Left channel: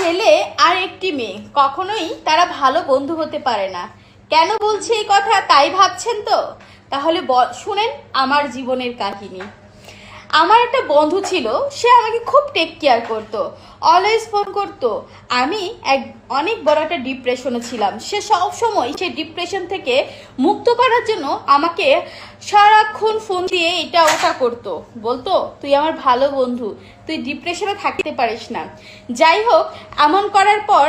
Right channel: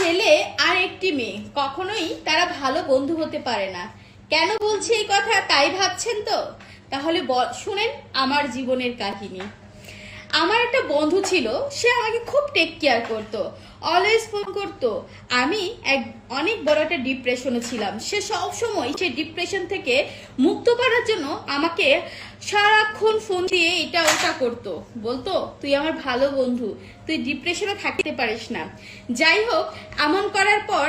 ছেলে আর একটি মেয়ে কখনোই তারা ভালো বন্ধু হতে পারে না। কেন বলছি এই কথা তাই ভাবছেন তো? তাহলে শুনেন আমার জীবনের কাহিনী। আমার একটা বন্ধু ছিল, সে আমাকে খুব টেক কেয়ার করতো, অলওয়েজ ফোন করতো। আমি অনেক বড় একটা ডিপ্রেশনে ছিলাম। সে সব সময় সেই ডিপ্রেশন থেকে মুক্ত করার জন্য আমাকে সারাক্ষণ ফোন দিয়ে এটা ওটা করতো, বলতো তুই আমার ভালো বন্ধু, তুই ডিপ্রেশনে থাকতে পারিস না। যাই হোক, এমন করার পর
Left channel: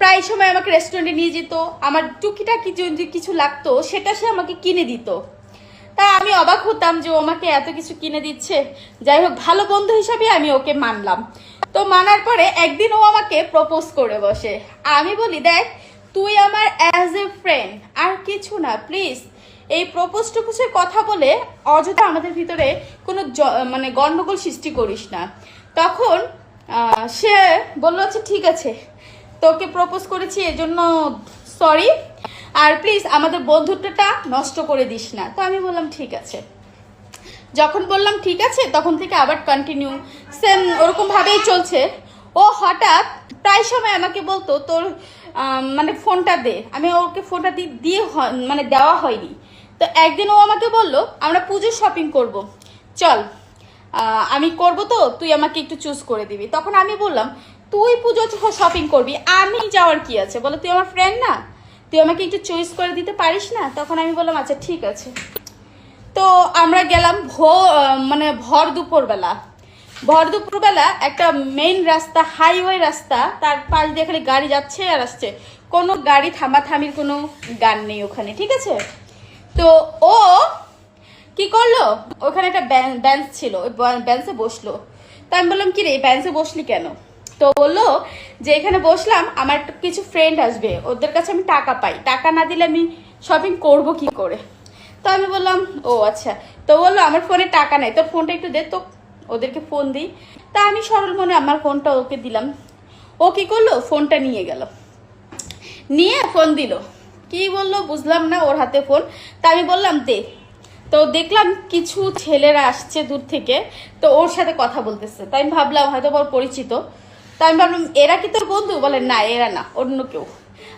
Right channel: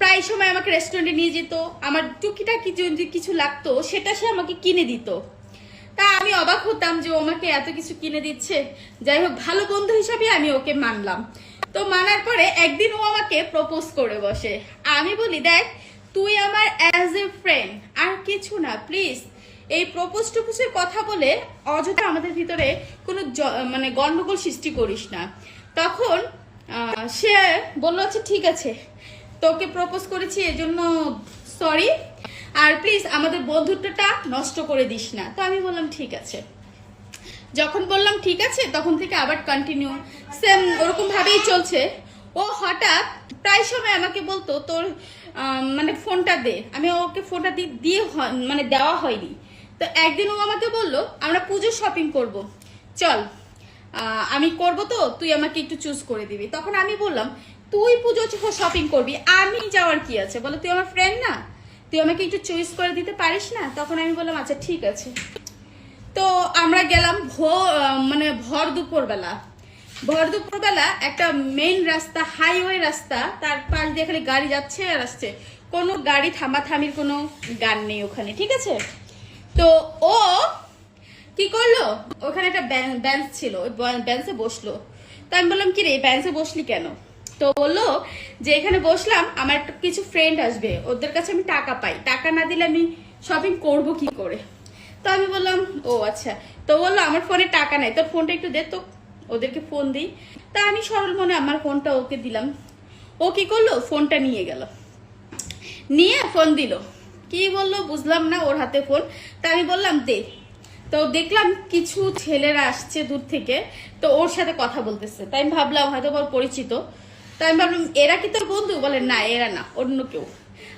প্রায় সময় আমাকে রেস্টুরেন্টে নিয়ে যেত, আমার টুকিটাকি যদি কিছু লাগতো সেটা সে আমাকে কিনে দিত। তা আমি অবাক হতাম যে ও আমাকে এত কিছু কিনে দিচ্ছে। যাই হোক, ভালো বন্ধু হিসাবে আমি ওকে মানলাম। তো মানার পরে একদিন ও আমাকে প্রপোজ করে বসে। আমি বলি, দেখ তুই আমার অ্যাজ এ ফ্রেন্ড, আর কিছু না, প্লিজ এই প্রপোজ টুপোজের কথা বলে অযথা আমাদের ভিতরে কোনো মানে গন্ডগোল সৃষ্টি করিস না। তখন সে বললো আচ্ছা ঠিক আছে, তোকে প্রপোজ করেছি এজন্য সরি, আর প্লিজ আমাদের বন্ধুত্বটা নষ্ট করে দিস না। তো আমি বললাম ঠিক আছে। যখন বললাম ঠিক আছে, তখন থেকে আবার কন্টিনিউ সেম ওরকম ভাবেই চলছে। ও হঠাৎ প্রায় সময় আমাকে বলতো তোর মানে ফোনটা দে। আমি ওকে ফোনটা দিয়ে মানে দেওয়া হয়নি। তো একদিন ও আমাকে বললো আমরা পুজোর শপিং করব, চল আমি করব, তো তুই আমাকে একটু চুজ করে দিবি। তখন আমি বললাম তুই পুজো শপিং করবি, আমি যাওয়ার কি আছে? বলে তুই আমার ফ্রেন্ড না, তুই আমাকে একটু চয়েস করে দিতে পারিস না? তখন আমি বললাম আচ্ছা ঠিক আছে। তো আমরা গেলাম মানে ভর দুপুরবেলা একটা মেইন রাস্তা, হাইওয়ে রাস্তা, তার পাশ দিয়ে খালি গাড়ি যাচ্ছে আর আসছে, কোনো গাড়ি থামাথামির কোনো গান নেই ওখানে, ঠিক আছে। তো ও কি করলো, ওখানে একটা বেঞ্চ ছিল, ওই বেঞ্চে বসলো। তো আমি বললাম কি রে বেঞ্চে বসলি কেন? তো বললো যে এখানে বসলাম আমার কিছু ফ্রেন্ড আসবে, ওদের কাছে আমি টাকা পাই, টাকা না দিলে আমি শপিং করব কি করে? তো আমি বললাম ও আচ্ছা। তো বললো আমার ফোনে টাকা নাই, তোর ফোনটা একটু দে তো, ওদেরকে ফোন দিই। তা আমি সরল মনে আমার ফোনটা ওকে দিলাম। ও কি করলো, ফোনটা নিয়ে গেল, নিয়ে ফোন দিল, কি বললো বুঝলাম না, ওর হাতে ফোন। তা আমি বললাম দে। তো দেখলাম কিছু ছেলেরা আসছে দূর থেকে, তো ওর সাথে কথা বলতেছে। তাই আমি ভাবলাম হয়তো ওর পরিচিত। তো আমি ভাবলাম এরা কি তোর বন্ধু? বলে না এরা না, অন্য কেউ।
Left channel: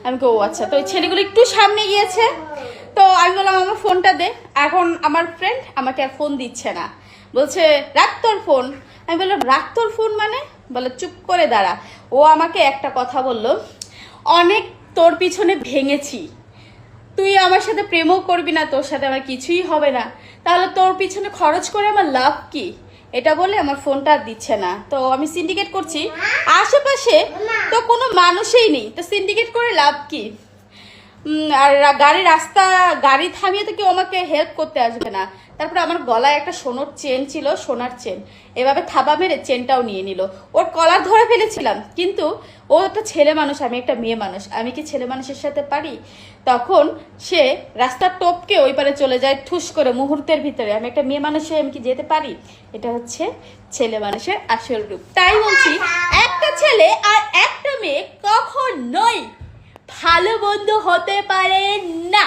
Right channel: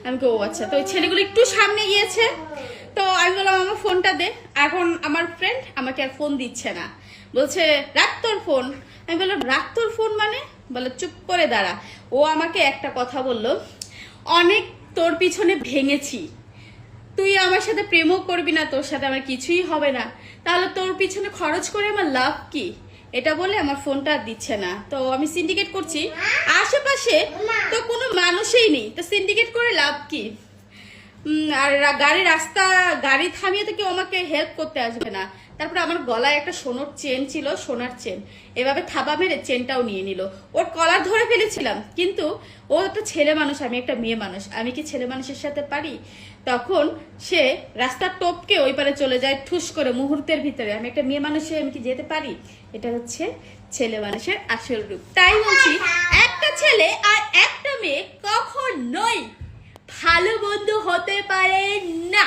আমি ও আচ্ছা। তো ওই ছেলেগুলো একটু সামনে গিয়েছে। তো আমি বললাম আমার ফোনটা দে। এখন আমার ফ্রেন্ড আমাকে আর ফোন দিচ্ছে না, বলছে রাখ তোর ফোন। আমি বললাম রাখ তোর ফোন মানে? বলে চুপ করে দাঁড়া। ও আমাকে একটা কথা বললো, অনেক তোর পিছনে ভেঙেছি, তুই আমার সাথে প্রেমও করবি না, তোর সাথে আমার কিছুই হবে না, তাহলে তোর পিছনে খরচ করে আমার লাভ কি? এটা বলে আমার ফোনটা আর দিচ্ছে না। তো আমি সিন্ডিকেট করছি, আশেপাশে তো কোনো মানুষই নেই, তো সিন্ডিকেট করে লাভ কি? আর গাড়ি থামিয়ে তো কেউ আমাকে হেল্প করতে আসবে না। তারপরে আমার গলায় একটা সোনার চেন ছিল, সোনার চেন, এভাবে থাবা মেরে চেনটাও নিয়ে নিল। ওর কলার ধরে ফেলেছিলাম, কিন্তু ও একটা ছেলে মানুষ, আমি একটা মেয়ে মানুষ, আমি কি ছেলে মানুষের সাথে পারি? তখন সে রাস্তার টপকে ওই পারে চলে যায় ঠুস করে মুহূর্তের ভিতরে। আমি একটা মেয়ে মানুষে আমি কি যেতে পারি? এটা হচ্ছে ছেলে মানুষের আসল রূপ। তাই বলছি, একটা ছেলে আর একটা মেয়ে কখনোই ভালো বন্ধু হতে পারে না।